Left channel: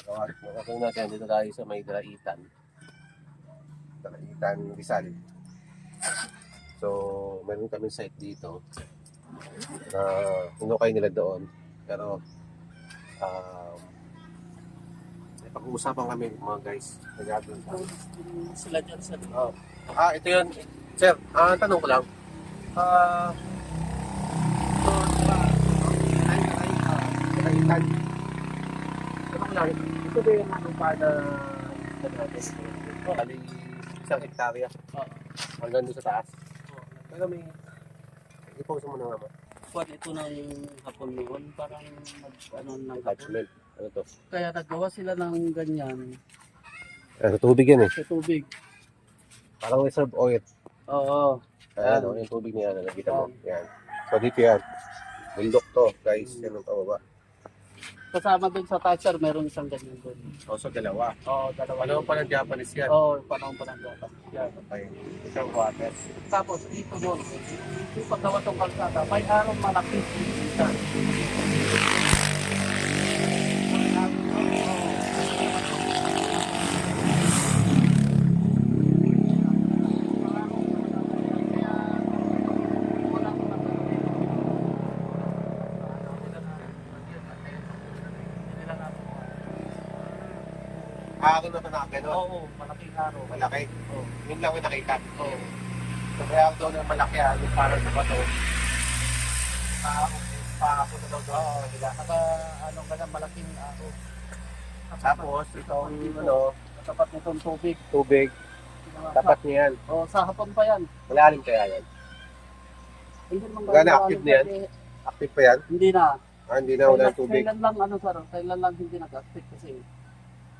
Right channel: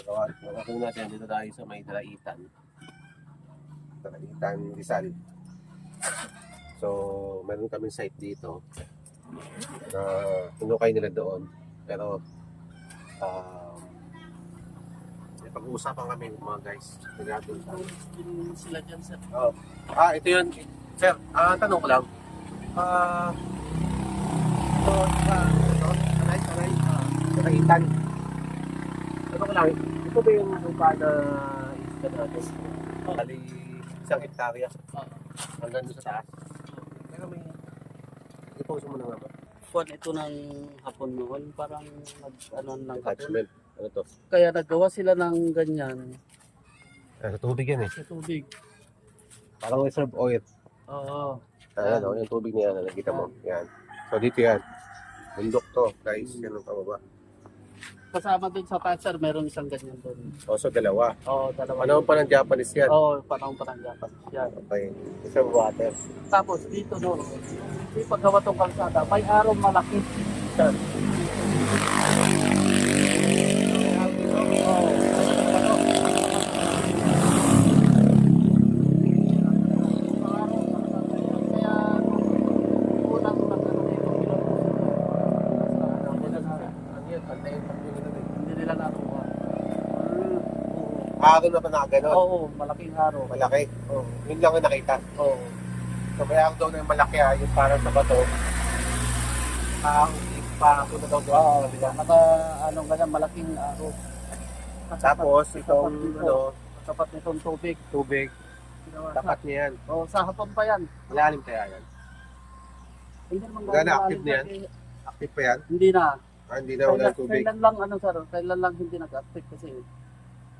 Magawa. Gagawin natin dito tayo sa may Draitan. Draitan Rizal. So, meron kami site dito na hinukay nila doon. Pero, um, pag-uusapan kami mga guys. Nagagawin sa Sila dyan sa Oh. Ah, ito yun. Sir, ah, tanong ko lang. Ah, ito, diba, ito, tanay, tanay, ah, tanaitan. Tanong ko lang, ito ba yung lupa na isla natin? Bali, isang hektarya. Hanggang doon sa taas. Pero may, iposo mo na naman. Kuwan ito ng hapon noon, parang nag, ano, ng Attachment. Ano to? Kaya nagawa sila ng ganyan sa tubig yan eh. sa tubig. Parang reserve oil. Oo. Ayan, oh, yung tubig niya na nakita mo. Yan. So, dito yan. Bundok to, guys. Yan ang pababa. Kasama din sa Thatcher, meron isang ganyan doon. Also, dalawa. Oo, dalawa. Ano pa ng Japanese yan? Oo, panahon pa ng Japan. Yan. Okay. Reserve water. Tapos dito doon, yung paggawa itong kalsada, may araw malaki. Yan. Ako na pa na. Oo, malaking araw. Malaki. Oo. Yun lang yung nakita. Oo. So kaya ako doon yung malaki yung parang sa bato. Ah, pa ako na daw doon. Oo, diba? Naka, ano ganyan, malaking araw. Tapos itong ano, tapat nitong tubig. tubig, Ginawa tapat niya yan. oh, sa hapon pa yan. Malalim kaya yan. Hindi naman Gano'n gano'n active na yan? Active pa yan? Hindi na. Ah, hindi na wala tubig. kailan lang, ano sir, kailan lang hindi nag-active kasi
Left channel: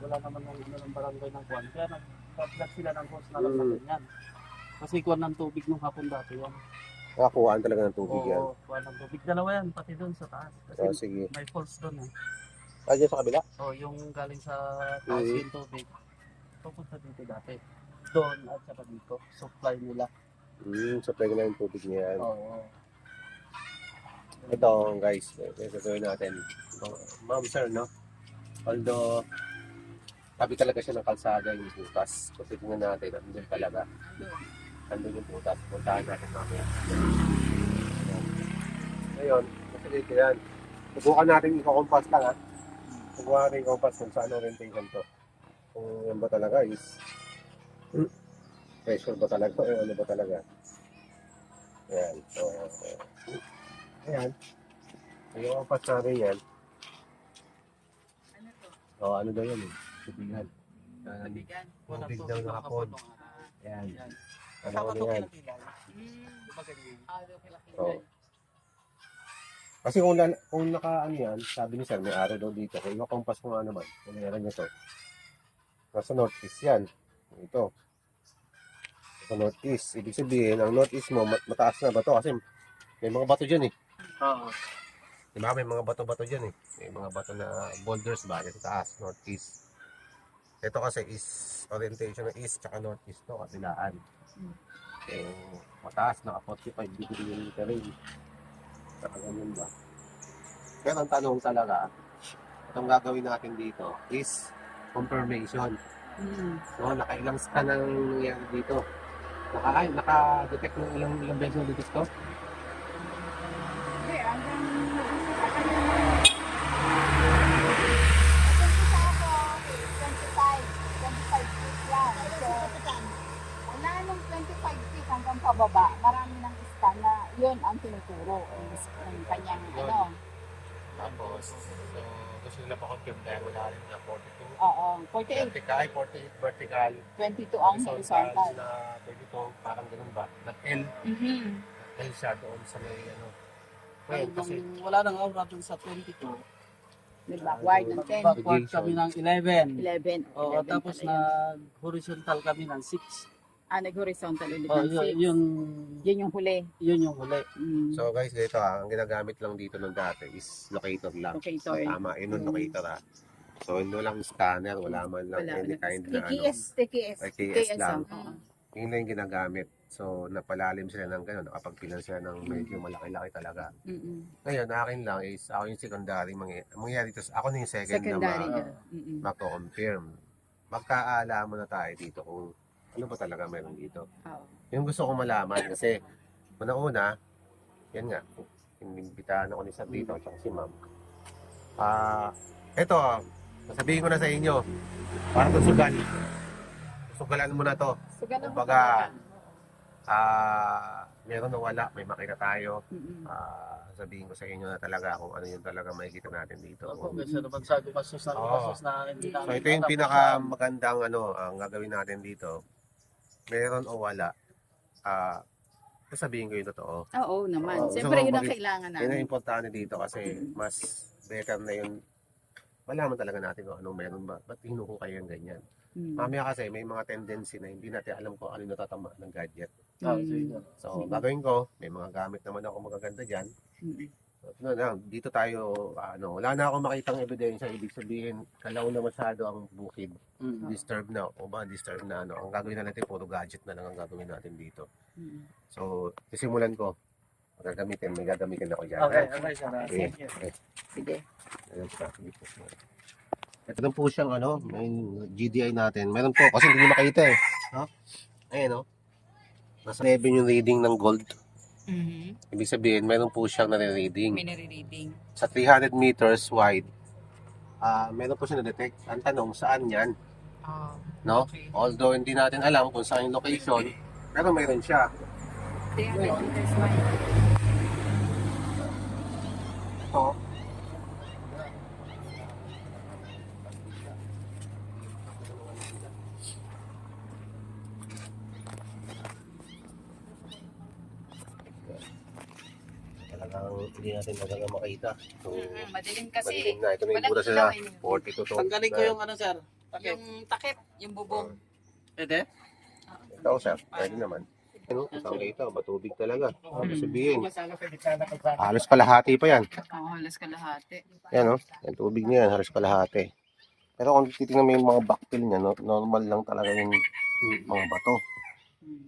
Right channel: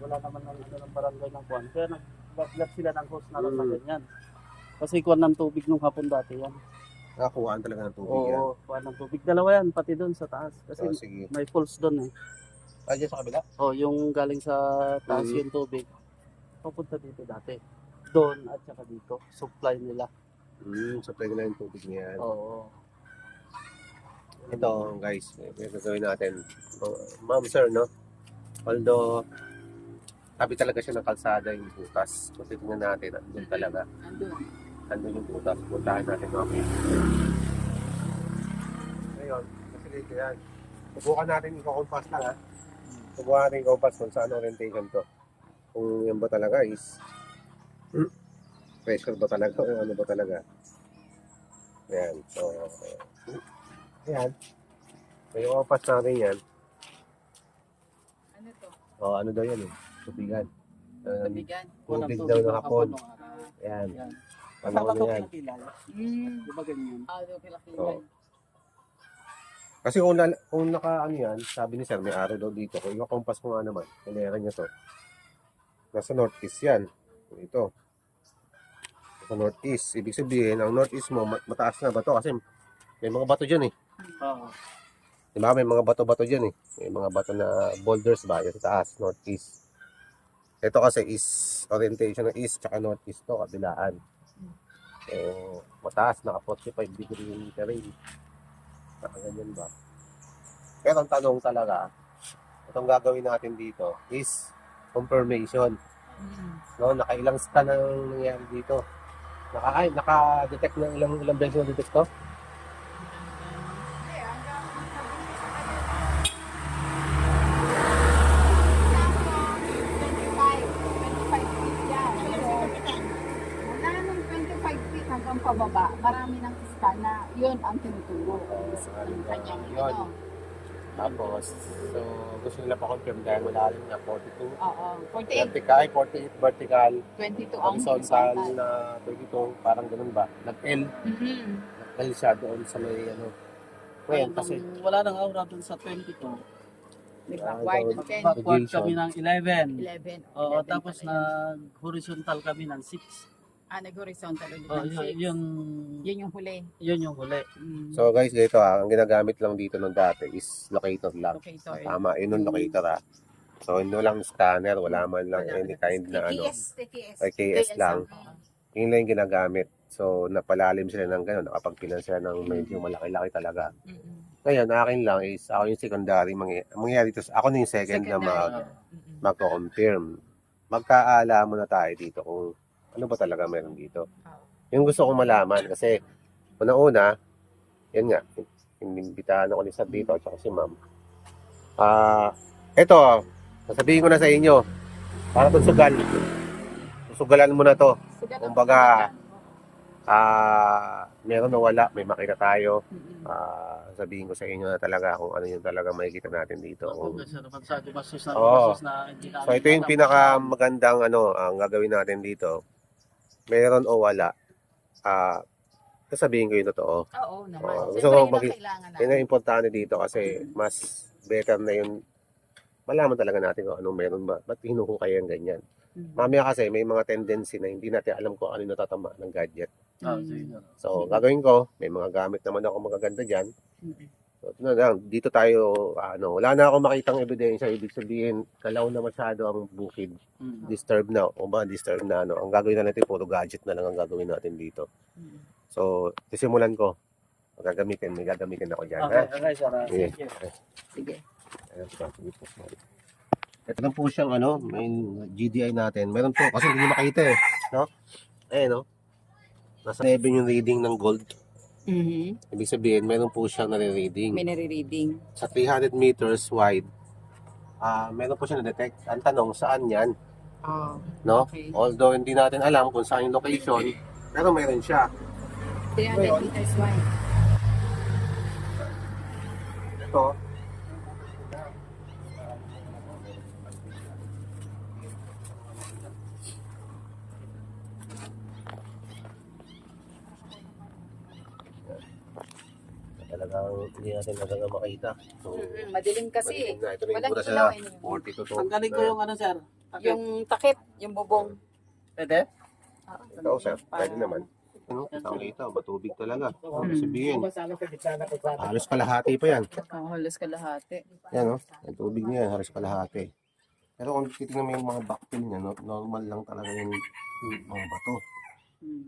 wala naman ng, ano, ng barangay ng kuwan. Kaya nag-plug sila ng hose na lang na Mm. ganyan. Kasi kuwan ng tubig nung hapon dati yan. Nakakuhaan talaga ng tubig yan. Oo, kuwan ng tubig. Dalawa yan, pati doon sa taas. Kasi So, sige. may falls doon eh. Ah, dyan sa kabila? Oh, yung galing sa taas Mm. yung tubig. Pupunta dito dati. Doon at saka dito. Supply nila. Hmm, supply ko na yung tubig niya yan. Oo. Ito guys, yung gagawin natin. Oh, Ma'am sir, no? Although, tabi talaga siya ng kalsada yung butas. Kasi tingnan natin, andun talaga. Andun yung butas. Puntahan natin mamaya. Ngayon, kasi dito yan. Subukan natin i-compass lang ha. Subukan natin i-compass kung saan orientation to. Kung yan ba talaga is pressure ba talaga o ano ba talaga. Ayan. So, ayan. May compass natin yan. Ano to? O, ano daw yan eh. Tubigan. Ayan. Tubigan. Kuwan ng Tubig daw ng na hapon. Ah. Yan. Ano Saka na to yan. Mm. kilala. Di ba ganyan? Ah. Oo. Kasi kung, lala, kung naka ano yan, sabi ni sir, may araw daw dito. Kung i-compass ko nga naman, meron niya to. Nasa northeast yan. Ito. Sa northeast. Ibig sabihin, ang northeast mo, mat- mataas na bato kasi may mga bato dyan eh. Oo. Diba? May mga bato-bato dyan eh. May mga bato na boulders ba? Yan sa taas, northeast. Ito kasi is orientation ng east tsaka northeast to, kabilaan. So, mataas, naka 45 degree yung terrain. Saka ganyan ba? Pero ang tanong talaga, itong gagawin natin dito is confirmation. No, nakailang scan ang nangyari dito. Naka, naka-detect ng ilang ilang beses na detect to? Okay, hanggang sa kanila. Mula nung 25 pababa, marami ng scan na yun ang tinuturo ng kanyang ano. Tapos, so, gusto nila pa-confirm dahil wala rin niya 42. Oo, 48, Vertical, ay 48 vertical, 22 ang horizontal na 22, parang ganun ba? Nag-L, Mhm. nag-L siya doon sa may ano. Ngayon, kasi nung wala nang aura dun sa 22. Di ba? Ah, Wide ng 10, Backward kami ng 11. 11. Oo, 11 tapos nag-horizontal kami ng 6. Ah, nag-horizontal ulit Oh, ng yun, six. yun, Yun yung huli. yun yung huli. Mm. So guys, ganito ah, ang ginagamit lang dito nung dati is locator lang. Locator. So, tama, yun yung Mm. locator ah. So, yun lang scanner, wala man lang Wala any na. kind na ano. TKS, TKS. TKS lang. Mm. Yun lang yung ginagamit. So, napalalim sila ng gano'n, nakapagpilan sila ng medyo malaki-laki talaga. Mm-mm. Ngayon, akin lang is, ako yung secondary, mangy- ang mangyayari to, ako na yung second na Secondary mag, na. Mm-mm. magko-confirm. Magkaala muna tayo dito kung ano ba talaga meron dito. Yung gusto kong malaman kasi una-una, yan nga, inimbitahan ako ni Sir dito at si Ma'am. Ah, eto, sasabihin ko na sa inyo, para itong sugal. Susugalan mo na to. So, Kumbaga. Ah, meron o wala, may makita tayo. Ah, sabihin ko sa inyo na talaga kung ano yung talaga makikita natin dito. Kung- kasi naman sa gumastos na gumastos na hindi na So ito yung pinaka magandang ano ang gagawin natin dito. Meron o wala. Ah, sasabihin ko yung totoo. Oo naman. Oo, Siyempre, gusto ko yun ang maging- kailangan Yun ang natin. importante dito kasi mas better na yung malaman talaga natin kung anong meron ba. Ba't hinuhukay yung ganyan? Mm. Mamaya kasi may mga tendency na hindi natin alam kung ano natatama ng gadget. Oh, sige. So gagawin ko, may mga gamit naman ako magaganda dyan. Mm-mm. Dito tayo, ano, wala na ako makitang ebidensya, ibig sabihin, kalaw na masyado ang bukid, Mm. disturb na, o ba, disturb na, ano, ang gagawin na natin, puro gadget na lang ang gagawin natin dito. Mm. So, sisimulan ko, gagamitin, may gagamitin ako dyan. Okay, okay, sir. Sige. Sige. Sige. Ito lang po siyang, ano, may GDI natin. Meron po, kasi hindi nyo makita eh, no? Ayan, no? Nasa 11 yung reading ng gold. Mhm. Ibig sabihin, meron po siyang nare-reading. May nare-reading. sa 300 meters wide, ah meron po siya na-detect. Ang tanong, saan yan? Oh, No? okay. Although hindi natin alam kung saan yung location, pero meron siya. 300 meters wide. Ito. Talagang hindi natin talaga makita. So, Madilim kasi eh. madilim na. Ito na yung Walang sa ilaw eh. 42 to. Tanggalin ko yung ano, sir. Takip. Yung takip, yung bubong. Pwede? Ito, sir. Pwede naman. Ano? Tawag ito, matubig talaga. Ano sabihin? Halos kalahati pa yan. Oo, halos kalahati. Yan o, yung tubig niya yan, halos kalahati. Pero kung titingnan mo yung mga backfill niya, no, normal lang talaga yung yung mga bato. Mm.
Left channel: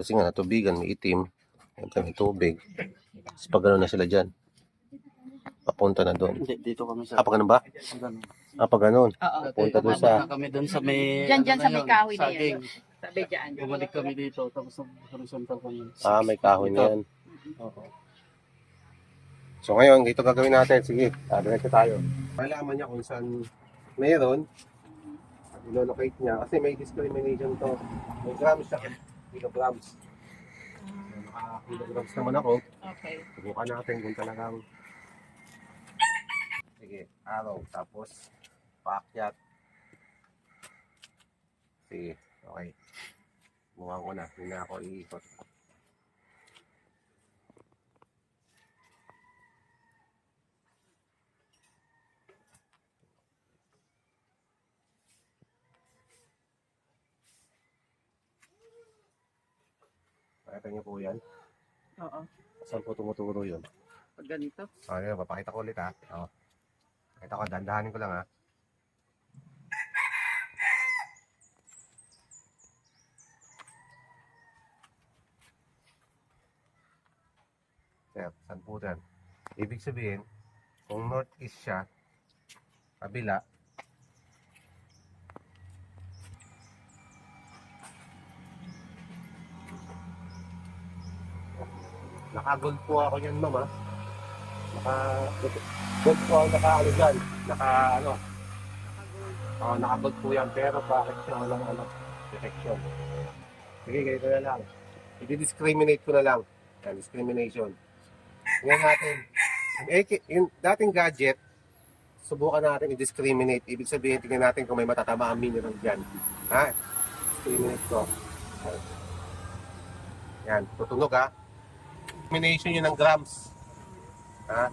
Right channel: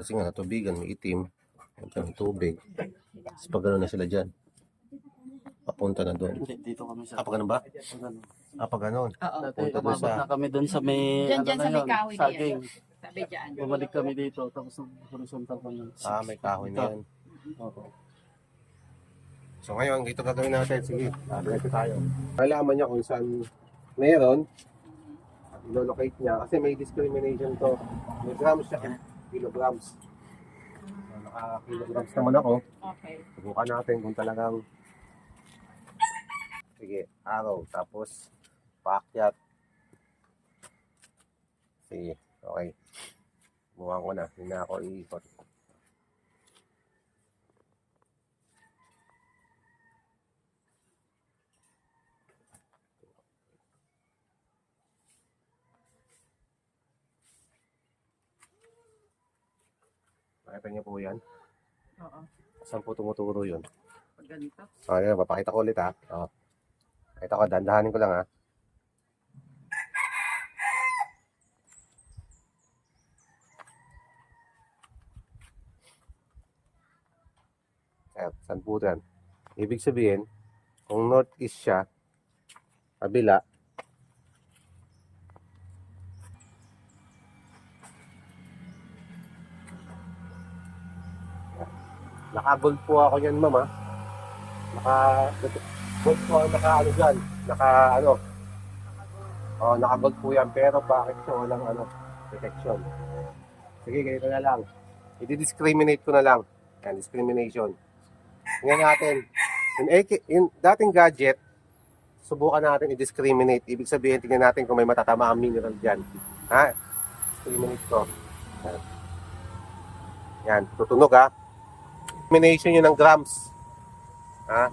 Kasi nga, tubigan, may itim. Ito may tubig. Tapos pag gano'n na sila dyan, papunta na doon. Hindi, dito kami, sir. Ah, pag ganun ba? Ganun. Ah, pag ganun. Oo. Dati, Punta doon umabot sa- na kami doon sa may, Diyan, ano diyan na sa may yun, kahoy na yan. saging. Sabi dyan. Bumalik kami dito, tapos horizontal kami. Ah, may kahoy na yan. Oo. So ngayon, ito gagawin natin. Sige, ko tayo. Malaman niya kung saan mayroon. At ilo-locate niya. Kasi may discrimination to. May grams siya. Kilograms. Naka-kilograms naman ako. Okay. Subukan natin kung talagang sige, araw, tapos paakyat. Sige, okay. Buwan ko na, hindi na ako iikot. Nakita niyo po yan? Oo. Saan po tumuturo yun? Pag ganito. Oh, yan, papakita ko ulit ha. Oh. Pakita ko, dandahanin ko lang ha. Ayan, saan po yan? Ibig sabihin, kung northeast siya, kabila, nakagold po ako yan, ma'am ha. Naka, gold po ang naka ano dyan, naka ano, oh, naka gold po yan, pero bakit siya walang ano, detection. Sige, ganito na lang. I-discriminate ko na lang. Yan, discrimination. Tingnan natin. Yung, AK yung dating gadget, subukan natin i-discriminate. Ibig sabihin, tingnan natin kung may matatama ang mineral dyan. Ha? Discriminate ko. Yan, tutunog ha. Discrimination yun ng grams. Ha?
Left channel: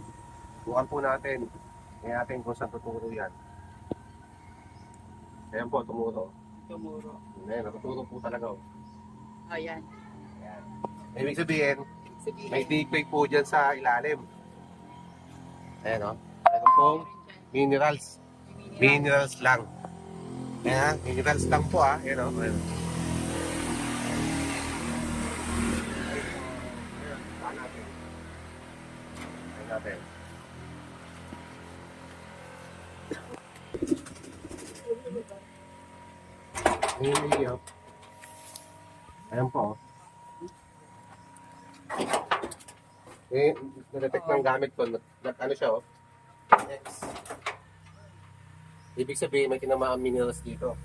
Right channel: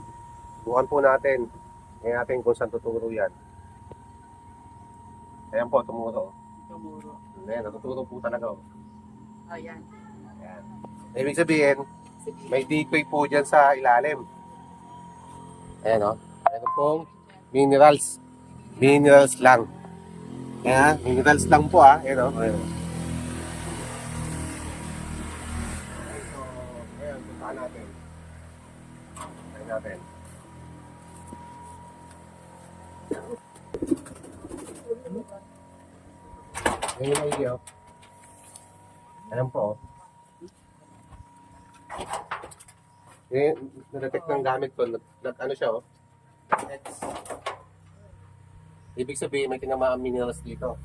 Bukan po natin. Tingnan natin kung saan tuturo yan. Ayan po, tumuro. Tumuro. Ayan, natuturo po talaga. Oh. Ayan. Ayan. Ibig sabihin, Sige. may decoy po dyan sa ilalim. Ayan o. Meron pong minerals. Minerals lang. Ayan, minerals lang po ah. Ayan o. Ayan. Natin. Ngayon ay iyo. Ayan po. Eh, na-detect ng gamit ko, nag, ano siya oh. X. Ibig sabihin may tinamaan minerals dito.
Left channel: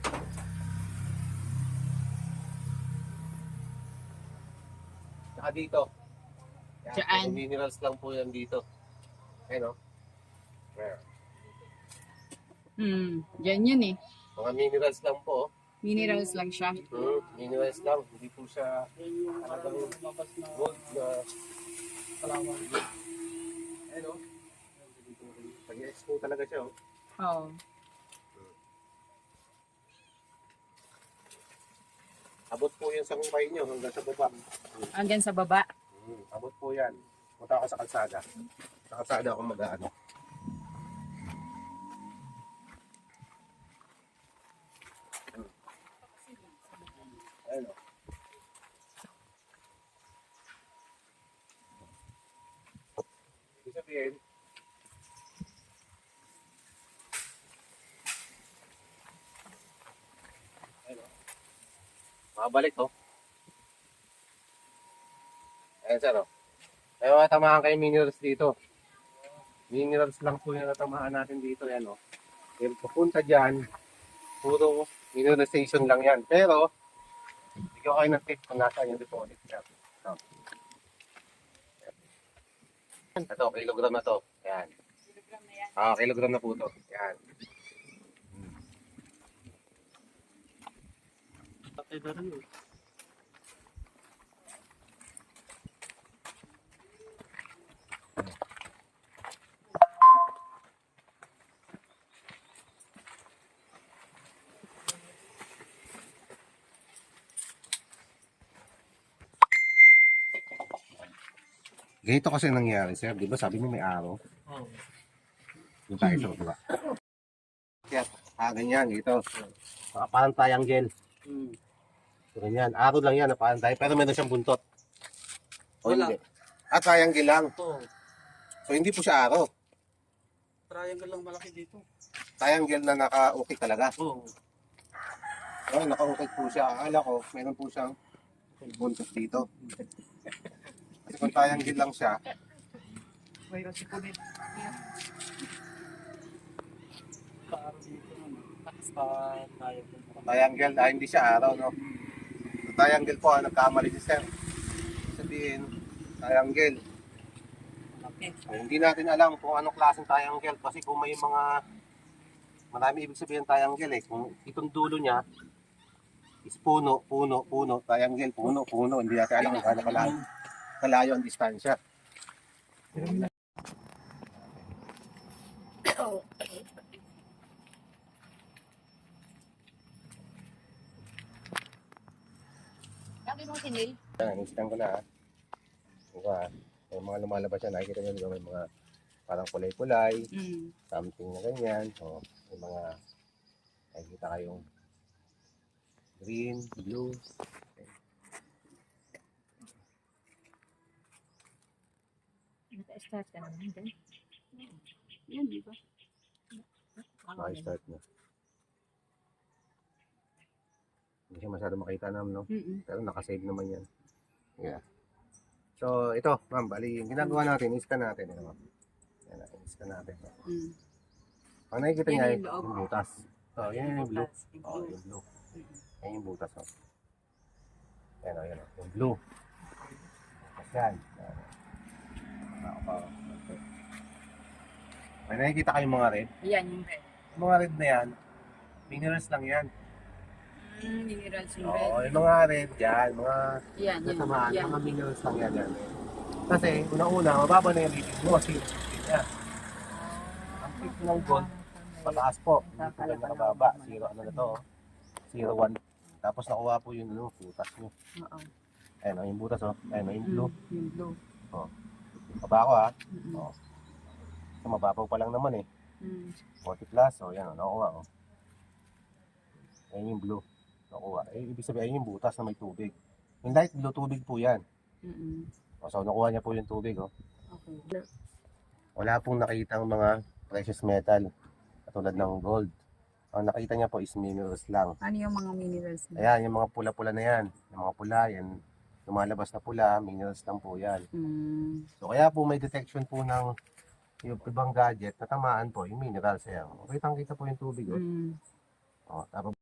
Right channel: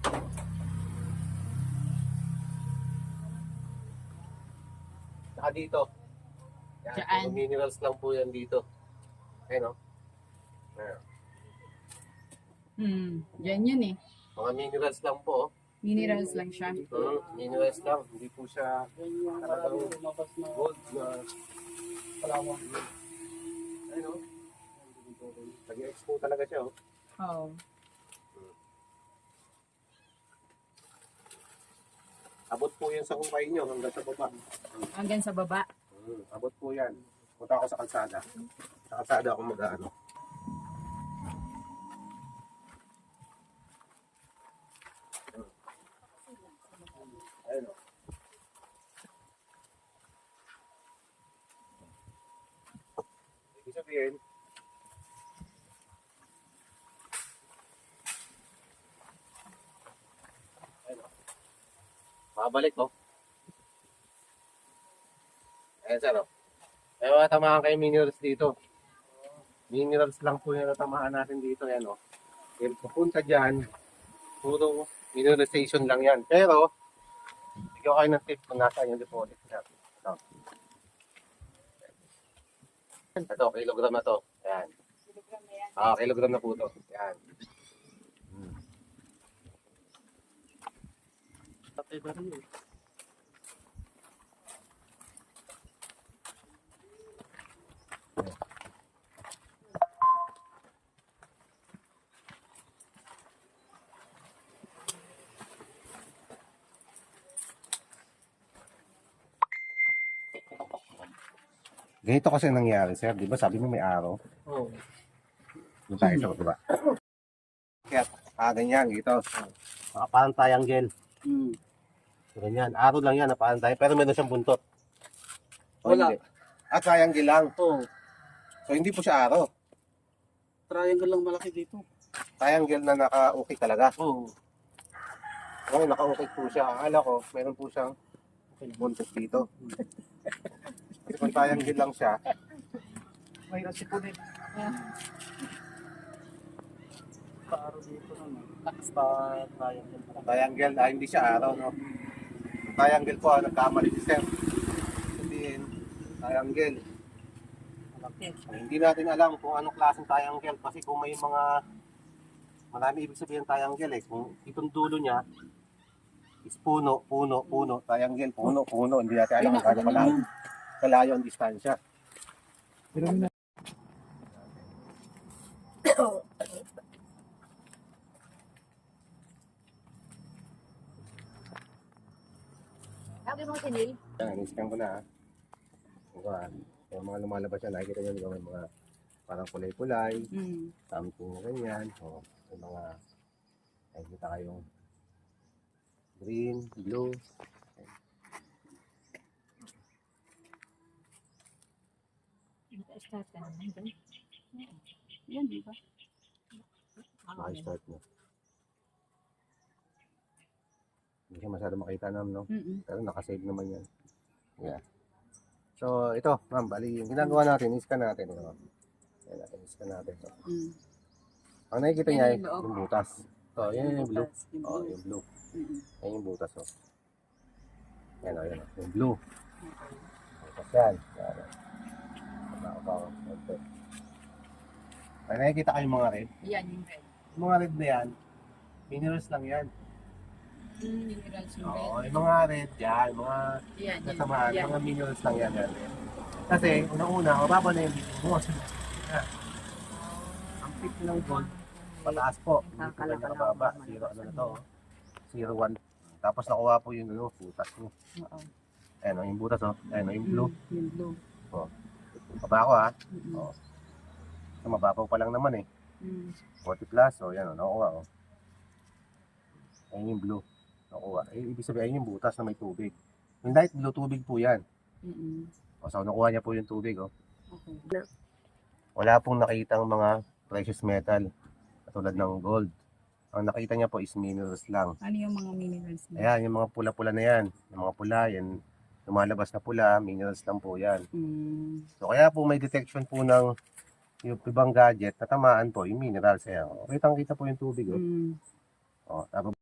Saka dito. Yan, Saan? minerals lang po yan dito. Ayun oh. Ayan. Hmm, yan yun eh. Mga minerals lang po. oh. Minerals lang siya. Hmm, minerals lang. Hindi po siya na gold na kalawang. Ayun oh. Nag-expo talaga siya oh. Oo. Abot po yan sa kumpay nyo hanggang sa baba. Hanggang sa baba. Hmm, abot po yan. Punta ako sa kalsada. Sa kalsada ako mag-ano. Ayun o. Ibig sabihin, ayun o. Makabalik o. Ayan sir o. May mga tamaan kayo minerals dito. Minerals lang po yung natamaan natin dito. Yan o. Yung papunta dyan, puro mineralization lang yan. Pero, bigyan kayo ng tip kung nasaan yung deposit niya. Ito. Ito, kilogram na to. Ayan. Ah, kilogram na po to. Hmm. Tatay ba rin Ganito kasi nangyari, sir. Di ba sabi mo may araw? Oo. Yung tayo ito, di ba? Kaya, ah, ganyan, dito. Ah, parang tayang gel. Hmm. So, ganyan. Araw lang yan, na parang tayo. Pero meron siyang buntot. O Wala. hindi? Ah, triangle lang. Oo. So, hindi po siya araw. Triangle lang malaki dito. Triangle na naka-okay talaga. Oo. Oo, naka-okay po siya. Akala ko, meron po siyang buntot dito. Kasi kung triangle lang siya, Mayroon si Punit. Paaro dito naman. Basta triangle triangle, ah, hindi siya araw, no? Sa triangle po, ah, nagkamali si Sir. Sabihin, triangle. So, hindi natin alam kung anong klaseng triangle kasi kung may mga marami ibig sabihin ng triangle eh. Kung itong dulo niya is puno, puno, puno, triangle, puno, puno. Hindi natin alam kung gaano kalayo, kalayo ang distansya. Sabi mo sinil? Yan, in-scan ko na ha. Diba, may mga lumalabas yan, nakikita nyo diba, may mga parang kulay-kulay, Hmm. something na ganyan. O, may mga nakikita kayong green, blue. Start ka naman dyan. Yan, di ba? Maki-start mo. Hindi siya masyado makita naman, no? Mm-mm. Pero nakasave naman yan. Yeah. So, ito, ma'am, bali, yung ginagawa natin, iskan natin. Ito, ma'am. Yan natin, iskan natin. Ito. Mm. Ang nakikita niya, loob. yung butas. Ito, yan yung blue. Yung Oh, blue. yung blue. Mm-mm. Yan yung butas, oh. Yan, oh, yan, oh. Yung blue. Butas yan. Yan, oh. Pa, oh. May nakikita kayong mga red. Yan, yung red. Mga red na yan, minerals lang yan. Mm, minerals yung red. Oo, yung mga red yan, mga Yan, yan. Yan. mga minerals lang yan yan. Kasi, unang-una, mababa na yung reading mo, zero na. Ang peak ng gold, pataas po. Hindi po na kababa. Zero, ano na to, oh. zero one. Tapos nakuha po yung ano, butas nyo. Oo. Ayan, oh, yung butas, oh. Ayan, oh, yung blue. Mm, yung blue. Baba ko, ha. Mm-mm. Oo. So, mababaw pa lang naman, eh. Mm. 40 plus, oh, yan, oh, nakuha, oh. Ayan yung blue. Nakuha. Eh, ibig sabihin, yung butas na may tubig. Yung light blue, tubig po yan. Mm-mm. O, so, nakuha niya po yung tubig, oh. Okay. wala pong nakitang mga precious metal katulad ng gold. Ang nakita niya po is minerals lang. Ano yung mga minerals niya? Ayan, yung mga pula-pula na yan. Yung mga pula, yan. Lumalabas na pula, minerals lang po yan. Mm. So kaya po may detection po ng yung ibang gadget na tamaan po yung minerals. Ayan. Kitang kita po yung tubig. Oh. Mm. Oh, tapos